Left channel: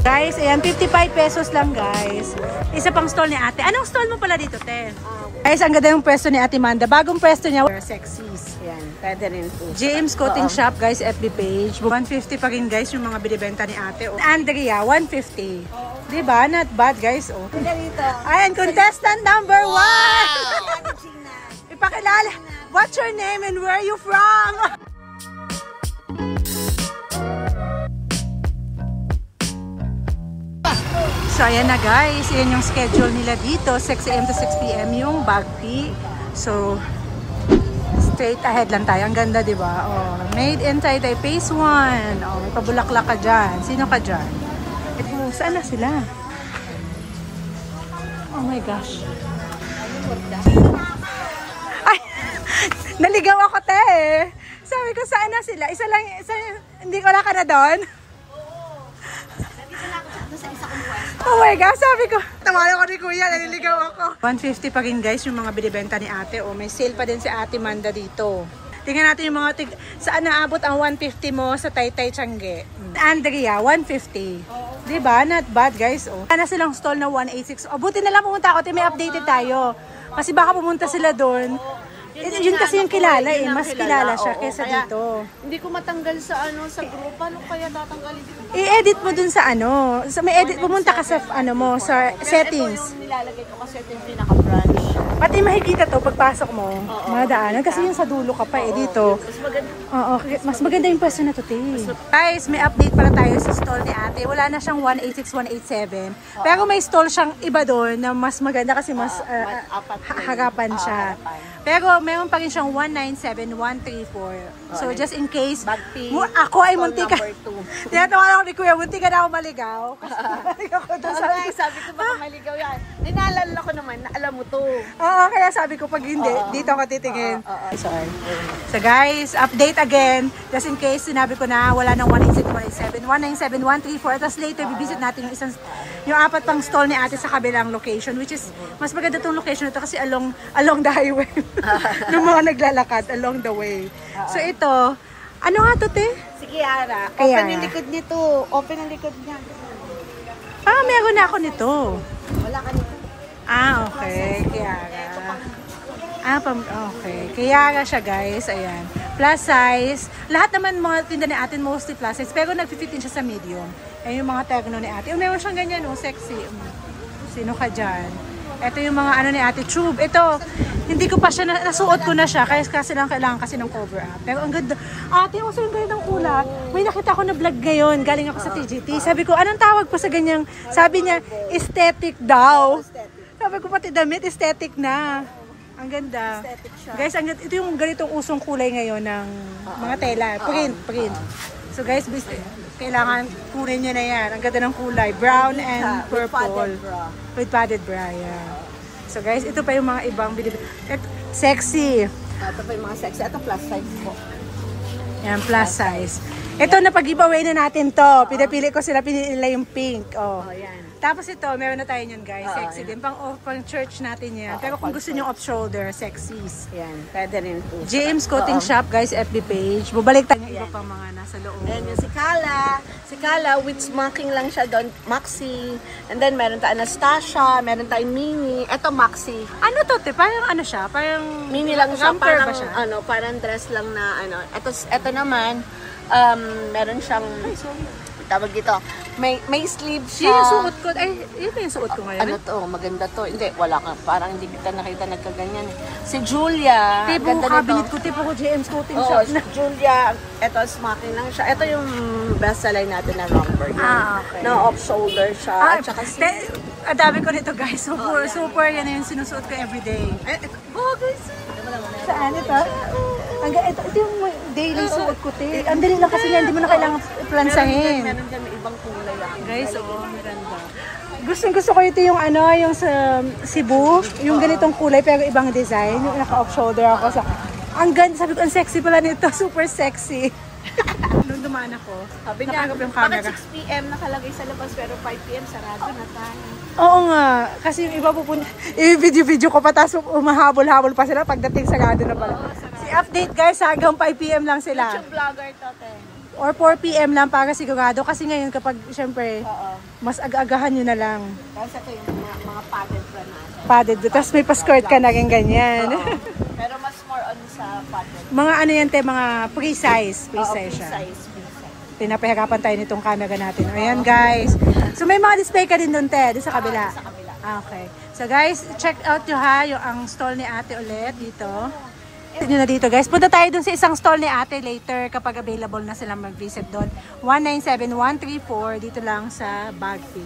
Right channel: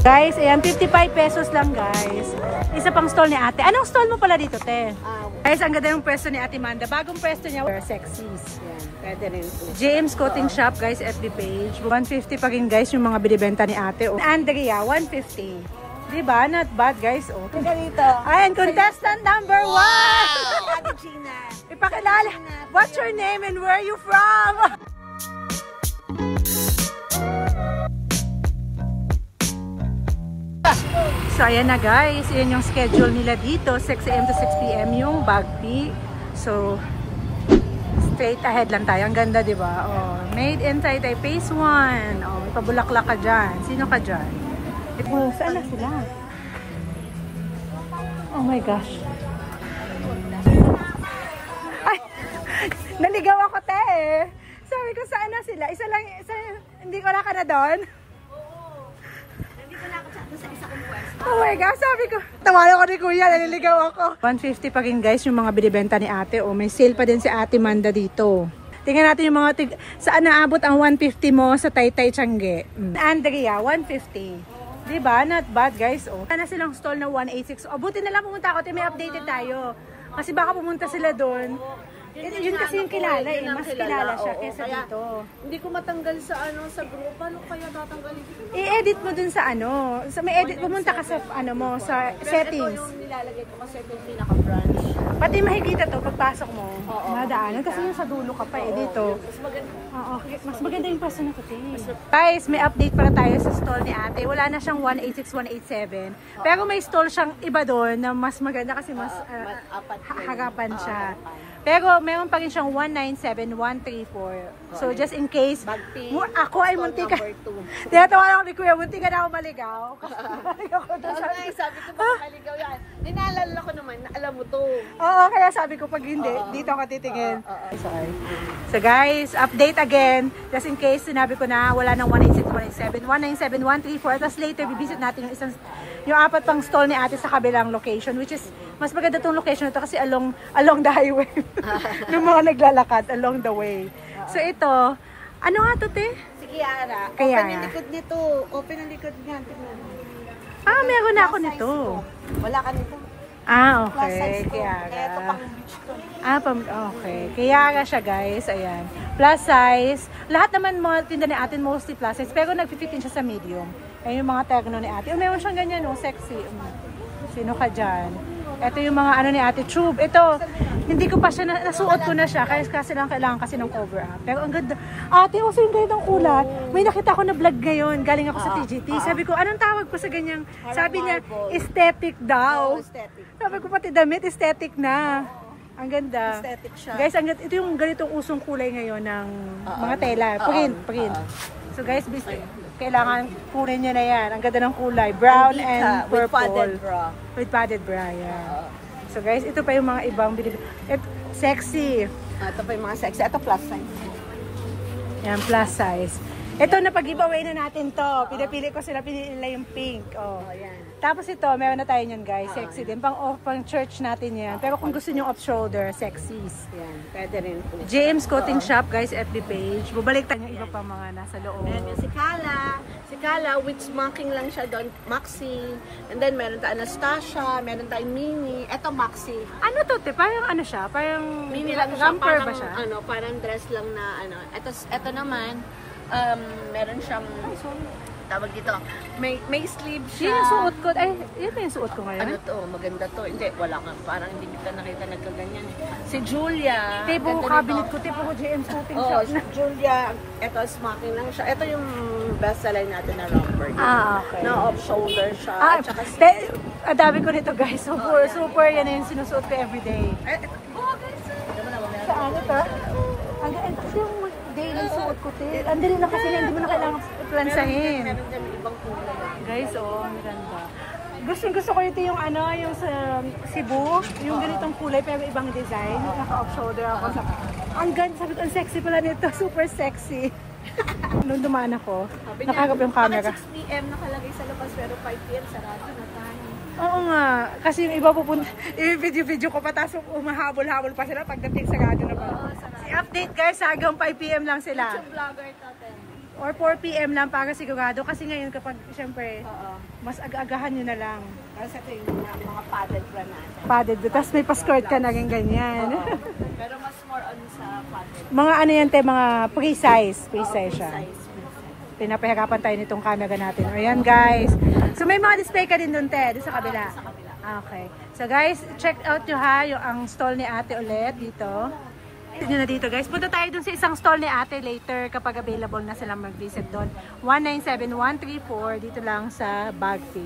Guys, ayan, 55 pesos lang guys. Isa pang stall ni ate. Anong stall mo pala dito, te? Guys, ang ganda yung pwesto ni Ate Manda. Bagong pwesto niya, Sexies. James Coating Shop, guys, FB page. 150 pa rin, guys, yung mga binibenta ni ate. Andrea, 150. Diba? Not bad, guys. Oh. Ayan, contestant number 1! Wow! Ipakilala. What's your name and where are you from? So, ayan na, guys. Ayan yung schedule nila dito. 6 AM to 6 PM yung Bagpi. So, straight ahead lang tayo. Ang ganda, di ba? Oh, made in Taytay Phase 1. Oh, may pabulaklak ka dyan. Sino ka dyan? Oh, saan na sila? Oh my gosh. Ay! Naligaw ako, te. Sabi ko, saan na sila? Isa lang, hindi ko na ka na doon. Oh my gosh, sabi ko, tawala ko ni kuya, naliligaw ako. 150 pa rin guys yung mga binibenta ni ate. O may sale pa din si Ate Manda dito. Tingnan natin yung mga saan naabot ang 150 mo sa Taytay Tiangge. Andrea, 150. Diba? Not bad guys. O. Sana silang stall na 186. O buti na lang pumunta ako, may updated tayo. Kasi baka pumunta sila doon. Yun kasi yung kilala eh. Mas kilala siya kaysa dito. Hindi ko matanggal sa sa group. Paano kaya tatanggalin dito? I-edit mo dun sa sa may edit, pumunta ka sa mo, sa settings. Ito yung nilalagay ko kasi ito yung pinaka-branch. Pati makikita to pagpasok mo, madaanan. Kasi yung sa dulo ka pa eh, dito. Oo, mas maganda yung pwesto na to, te. Guys, may update para tayo sa stall ni ate. Wala na siyang 186, 187. Pero may stall siyang iba doon na mas maganda kasi mas harapan siya. Pero meron pa rin siyang 197, 134. So just in case, ako ay munti ka. Tinatawanan ako ni kuya, munti ka na ako maligaw. Maligaw ko doon. Sabi ko ba maligaw yan? Dinalala ko naman na alam mo to. Oo, kaya sabi ko pag hindi, dito ako titingin. Sorry. So guys, update again. Just in case, sinabi ko na wala nang 186, 187, 197, 134. Tapos later, bibisit natin yung apat pang stall ni ate sa kabilang location. Which is, mas maganda tong location na to kasi along the highway. Nung mga naglalakad along the way. So ito, ano nga to, te? Si Kiara. Kiara. Open ang likod nito. Open ang likod niya. Meron na ako nito. Wala ka nito. Okay. Kiara. Okay. Kiara siya, guys. Ayan. Plus size. Lahat naman mga tinda ni ate mostly plus size. Pero nag-fit din siya sa medium. Ayan yung mga terno ni ate. Meron siyang ganyan, sexy. Sino ka dyan? Ito yung mga ni ate tube. Ito, hindi ko pa siya, nasuot ko na siya. Kasi lang kailangan kasi ng cover up. Pero ang ganda. Ate, yung ganda ng kulay. May nakita ko na vlog ngayon. Galing ako sa TGT. Sabi ko, anong tawag po sa ganyang? Sabi niya, aesthetic daw. Sabi ko, pati damit, aesthetic na. Ang ganda. Guys, ito yung ganitong usong kulay ngayon ng mga tela. Print. So guys, kailangan kunin nyo na yan. Ang ganda ng kulay. Brown and purple. With padded bra, yeah. So guys, ito pa yung mga ibang sexy. Ito pa yung mga sexy. Ito plus size po. Yan, plus size. Ito, napag-giveaway na natin to. Pinapili ko sila, pinili nila yung pink. Oh. Tapos ito, meron na tayo niyan guys. Sexy din. Pang church natin yan. Pero kung gusto nyo off-shoulder, sexies. Yan, pwede rin po. James Coating Shop, guys, FB page. Bubalik tayo yung iba pa mga nasa loob. And si Kala. Si Kala, with smocking lang siya doon. Maxi. And then meron tayo Anastasia. Meron tayong Mini. Ito Maxi. Ano to, te? Parang ano siya? Parang Mini lang siya. Romper Parang, ba siya? Parang dress lang na Ito naman, meron siyang... Ay, sorry. Tawag dito. May sleeve siya. Yun yung suot ko. Ay, yun yung suot ko ngayon. Ano to? Maganda to. Hindi, wala ka. Parang hindi kita nakita nagkaganyan. Si Julia. Tipo cabinet ko. Tipo ko James Coating Shop na. Julia. Ito, smoking lang siya. Ito yung best seller natin na number. Okay. Na off-shoulder siya. At saka si... Dami ko nito guys. Super yan yung sinusuot ko everyday. Guys. Saan ito? Ito yung daily suot ko, te. Ang dali lang kasi nga, hindi mo na kailangan plansahin. Meron din may ibang kulay. Guys, ang ganda. Gusto ko ito yung yung sa Cebu, yung ganitong kulay pero ibang design. Yung naka-off shoulder ako sa... Ang ganda, sabi ko, ang sexy pala nito. Super sexy. Nung dumaan ako, nakagap yung camera. 6 PM nakalagay sa labas pero 5 PM sarado na tayo. Oo nga, kasi yung iba pupunta, i-video ko pa, tapos umahabol-habol pa sila pagdating sarado na pala. Update guys, hanggang 5 PM lang sila. Vlogger to, Or 4 PM lang para sigurado. Kasi ngayon kapag, syempre, Mas aga-agahan nyo na lang. Tapos ito yung mga padded bra natin. Padded. Tapos may pa-skirt ka na rin ganyan. Pero mas more on sa padded. Mga ano yan, te, mga pre-size. Pre-size siya. Size. Pinapahirapan tayo nitong camera natin. Ayan, guys. So, may mga display ka din doon, te. Doon sa kabila. Sa kabila. Okay. So, guys, check out nyo ha, yung ang stall ni ate ulit dito. Nyo na dito, guys. Punta tayo dun sa isang stall ni ate later kapag available na silang mag-visit doon. 197134 dito lang sa Bagpi.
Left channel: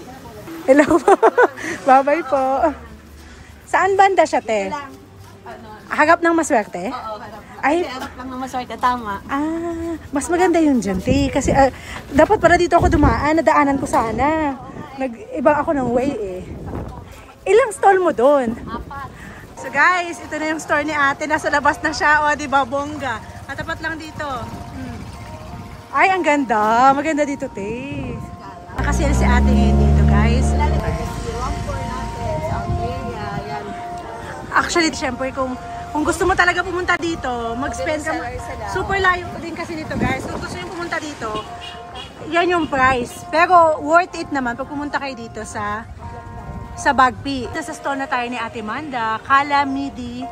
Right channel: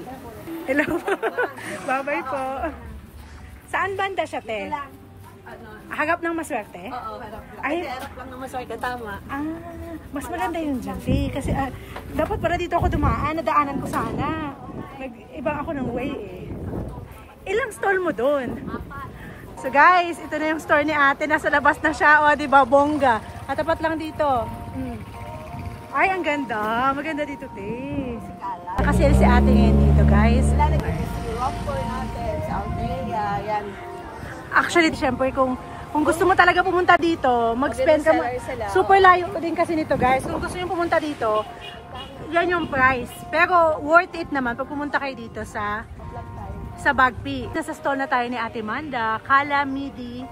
Hello po. Bye-bye po. Saan banda siya, te? Harap ng Maswerte? Oo, harap. Ay, Harap lang naman sa tama. mas maganda yun dyan, te. Kasi dapat pala dito ako dumaan. Nadaanan ko sana. Nag-ibang ako ng way eh. Ilang stall mo doon? So guys, ito na yung store ni ate. Nasa labas na siya. O, diba, bongga. Katapat lang dito. Ay, ang ganda. Maganda dito, te. Nakasale si ate ngayon dito, guys. Actually, syempre, kung gusto mo talaga pumunta dito, mag-spend ka mo. Super layo din kasi nito, guys. Kung gusto nyo pumunta dito, yan yung price. Pero worth it naman pag pumunta kayo dito sa Bagpi. Nasa store na tayo ni Ate Manda, Kala Midi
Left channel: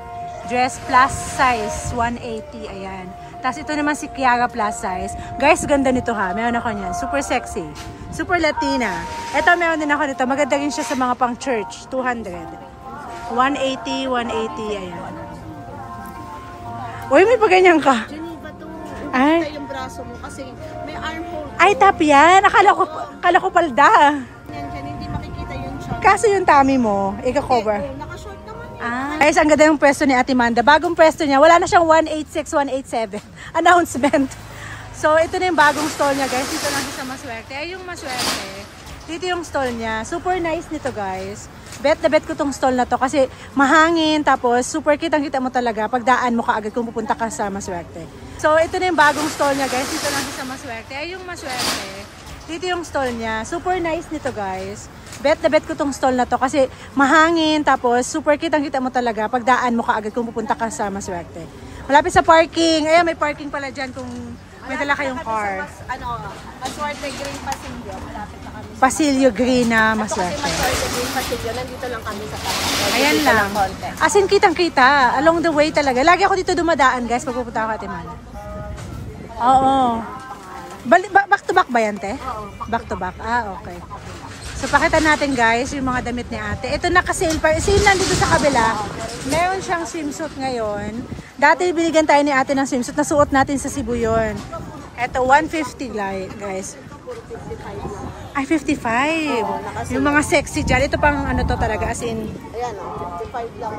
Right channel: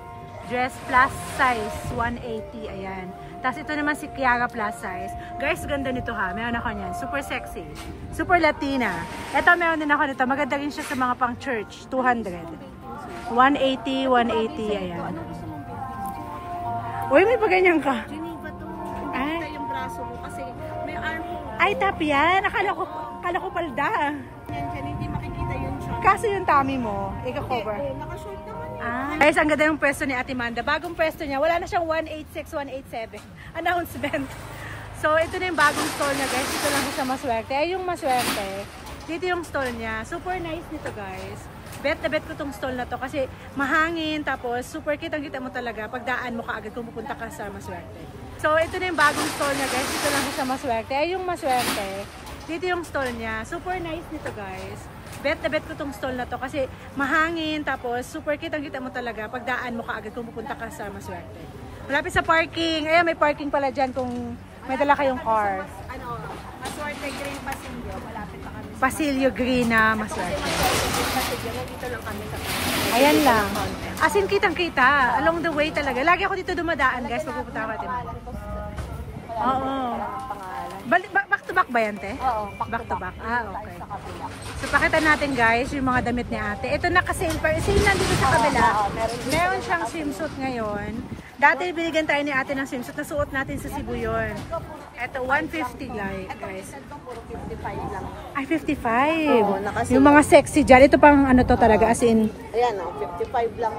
Dress Plus Size 180, ayan. Tapos ito naman si Kiara Plus Size. Guys, ganda nito ha. Meron ako niyan. Super sexy. Super Latina. Ito, meron din ako nito. Maganda rin siya sa mga pang church. 200. 180, 180, ayan. Uy, may paganyan ka. Geneva to. Ay. Umita yung braso mo kasi may armhole. Ay, tap yan. Akala ko palda. Yan, hindi makikita yun siya. Kaso yung tummy mo, ika-cover. Naka-short naman yun. Guys, ang ganda yung pwesto ni Ate Manda. Bagong pwesto niya. Wala na siyang 186, 187. Announcement. So, ito na yung bagong store niya, guys. Dito lang siya sa Maswerte. Ay, yung Maswerte. Dito yung store niya. Super nice nito, guys. Bet na bet ko tong stall na to kasi mahangin. Tapos, super kitang-kita mo talaga. Pagdaan mo kaagad kung pupunta ka sa Maswerte. So, ito na yung bagong store niya, guys. Dito lang siya sa Maswerte. Ay, yung Maswerte. Dito yung stall niya. Super nice nito, guys. Bet na bet ko tong stall na to kasi mahangin. Tapos, super kitang-kita mo talaga. Pagdaan mo kaagad kung pupunta ka sa Maswerte. Malapit sa parking. Ayan, may parking pala dyan kung may dala kayong car. Maswerte Green Pasilyo. Malapit na kami. Pasilyo Green na Maswerte. Maswerte Green Pasilyo. Nandito lang kami sa parking. Ayan lang. As in, kitang-kita. Along the way talaga. Lagi ako dito dumadaan, guys, pag pupunta ako at Timana. Oo. Back to back ba yan, te? Oo. Back to back. Okay. So, pakita natin, guys, yung mga damit ni ate. Ito naka-sale pa. Sale nandito sa kabila. Meron siyang swimsuit ngayon. Dati, binigyan tayo ni ate ng swimsuit. Nasuot natin sa Cebu yun. Ito, 150, guys. Puro 55 lang. Ay, 55. Yung mga sexy dyan. Ito pang ano to talaga, as in. Ayan, 55 lang.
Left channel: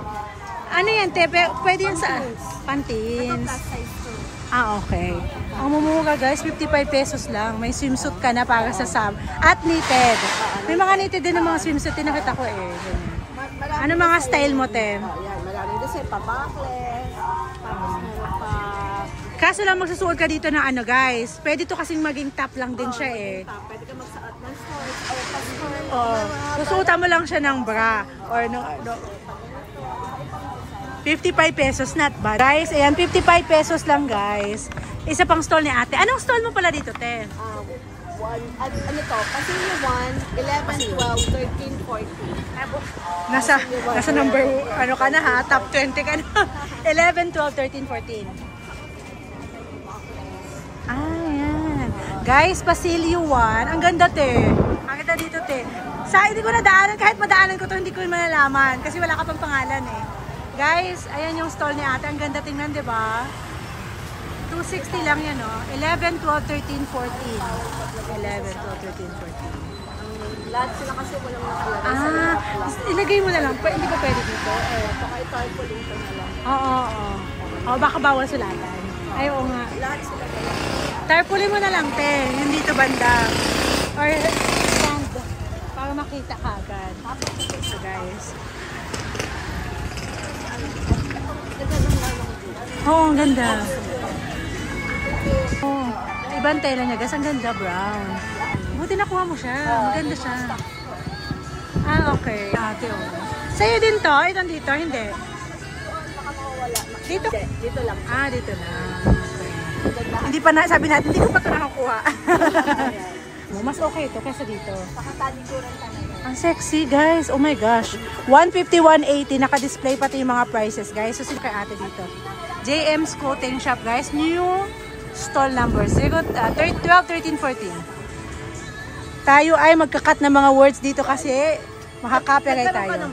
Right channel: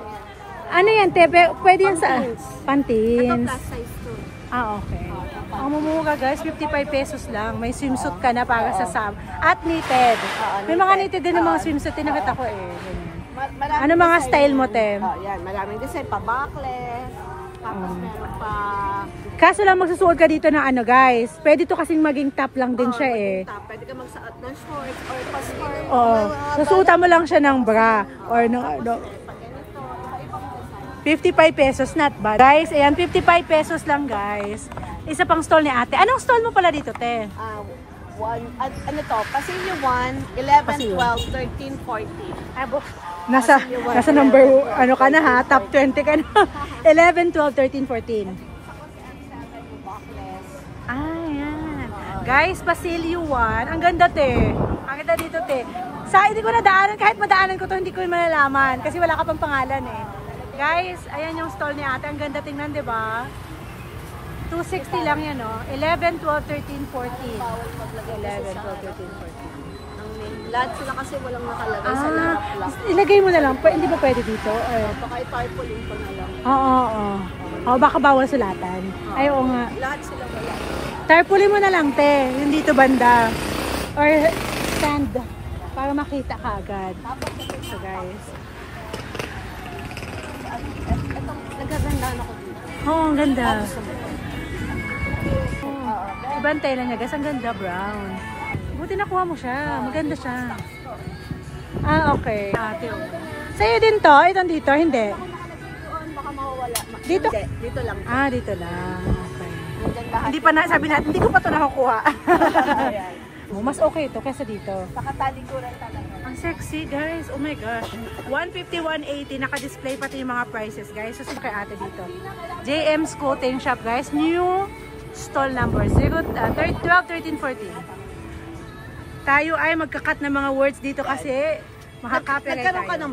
Ano yan, te? Pwede yan sa pantins. Plus size to. Okay. Ang mumura, guys, 55 pesos lang. May swimsuit ka na para sa summer. At knitted. May mga knitted din ng mga swimsuit. Tinakita ko eh. Ganyan. Ano mga style mo, te? Yan, maraming design pa. Backless. Tapos meron pa. Kaso lang magsusuot ka dito ng ano, guys. Pwede to kasing maging top lang din siya eh. Pwede ka magsuot ng shorts or pa-skirt. Oo. Susuotan mo lang siya ng bra. Or ng 55 pesos, not bad. Guys, ayan, 55 pesos lang, guys. Isa pang stall ni ate. Anong stall mo pala dito, te? Ano to? Pasilyo 1, 11, 12, 13, 14. Nasa number, ano ka na ha? Top 20 ka na. 11, 12, 13, 14. Ayan. Guys, Pasilyo 1. Ang ganda, te. Ang ganda dito, te. Hindi ko nadaanan. Kahit madaanan ko to, hindi ko malalaman. Kasi wala ka pang pangalan eh. Guys, ayan yung stall ni ate. Ang ganda tingnan, di ba? 260 lang yan, no? 11, 12, 13, 14. 11, 12, 13, 14. Lahat sila kasi walang nakalagay. Ilagay mo na lang. Hindi ba pwede dito? Baka i-tarpaulin ko na lang. Oo. Baka bawal sulatan. Ay, oo nga. Lahat sila. Tarpaulin mo na lang, te. Yung dito banda. Or stand. Para makita ka agad. So, guys. Oo, ang ganda. Oh, ibang tela niya, guys. Ang ganda, brown. Buti nakuha mo siya. Maganda siya. Okay. Ate, oh. Sa'yo din to? Itong dito? Hindi. Dito? Dito lang. Dito lang. Okay. Hindi pa na, sabi natin, hindi ko pa ito nakukuha. mo. Mas okay ito kaysa dito. Pakatalikuran ka na. Ang sexy, guys. Oh my gosh. 150, 180. Naka-display pati yung mga prices, guys. So, kay ate dito. JM's Clothing Shop, guys. New stall number. 12, 13, 14. Tayo ay magkakat ng mga words dito kasi makaka-copyright tayo.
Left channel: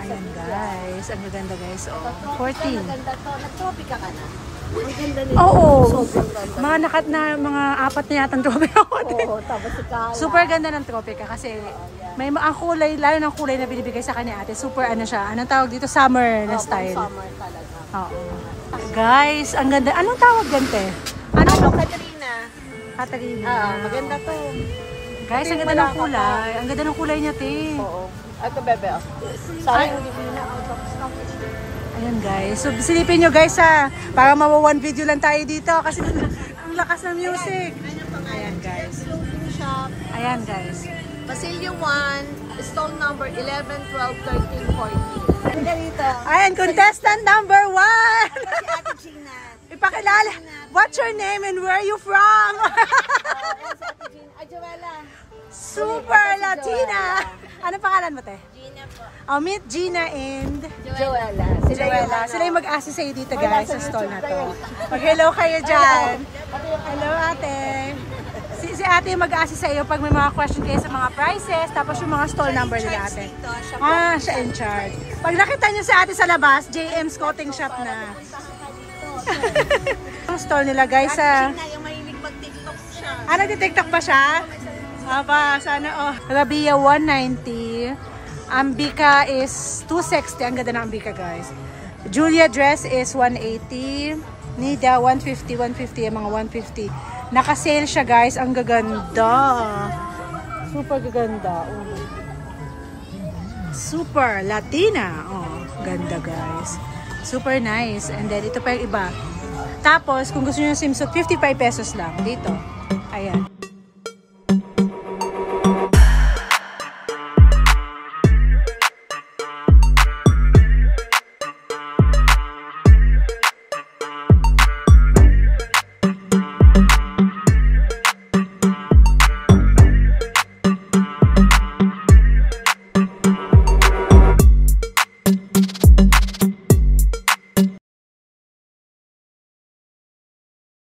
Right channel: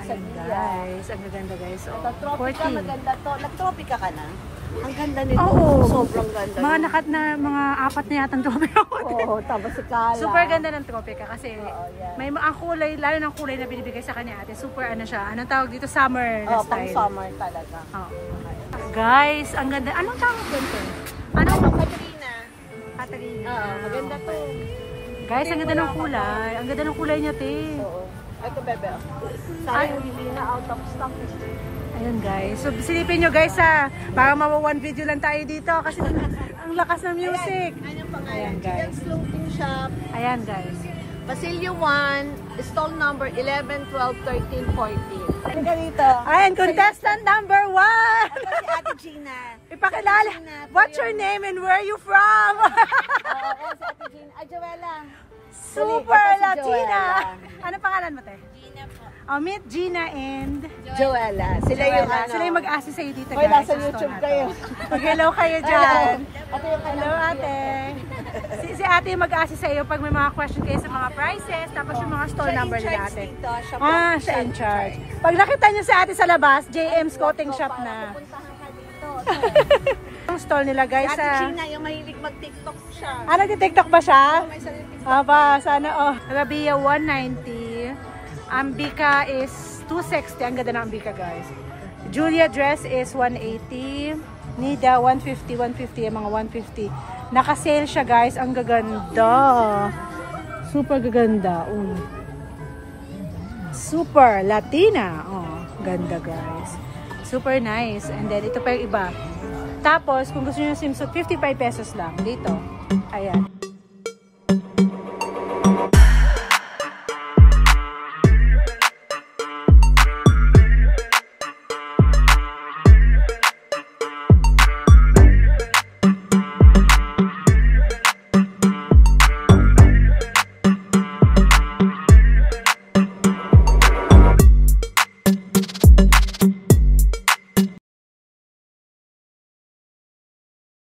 Ayan, guys. Ang ganda, guys. Oh, 14. Nag-topic ka na. Ang ganda nito. Oo. Sobrang ganda. Mga nakat na, mga 4 na yatang tropika ako. Oo, tapos si Kala. Super ganda ng tropika kasi may ang kulay, lalo ng kulay na binibigay sa kanya ate. Super ano siya, anong tawag dito? Summer na style. Summer talaga. Oo. Guys, ang ganda. Anong tawag ganito? Anong? Katrina. Katarina. Maganda to. Guys, ang ganda ng kulay. Ang ganda ng kulay niya, te. Oo. Ito, bebe. Sayang, hindi na out of stock. Ayan, guys. So, silipin nyo, guys, ha. Para mawa 1 video lang tayo dito kasi ang lakas ng music. Ayan, guys. Shop. Ayan, guys. Basilio 1, stall number 11, 12, 13, 14. Ang ganito. Ayan, contestant number 1. Ate Gina. Ipakilala. What's your name and where are you from? Ate Gina. Ay, Joella. Super Latina. Ano pangalan mo, te? Gina po. I'll meet Gina and Joella. si Joella. Sila yung mag-assist sa'yo dito, guys, sa stall na to. Mag-hello kayo dyan. Hello, ate. Si ate yung mag-assist sa'yo pag may mga question kayo sa mga prices, tapos yung mga stall number nila, ate. Ah, siya in charge. Pag nakita nyo si ate sa labas, JM's Clothing Shop na. Ang stall nila, guys, sa... Gina, yung mahilig mag-tiktok siya. Ah, nagti-tiktok pa siya? Aba, sana, oh. Rabia, 190. Ambika is 260. Ang ganda ng Ambika, guys. Julia dress is 180. Nida, 150, 150. Yung mga 150. Naka-sale siya, guys. Ang gaganda. Super gaganda. Super Latina. Oh, ganda, guys. Super nice. And then, ito pa yung iba. Tapos, kung gusto nyo yung swimsuit, 55 pesos lang. Dito. Ayan.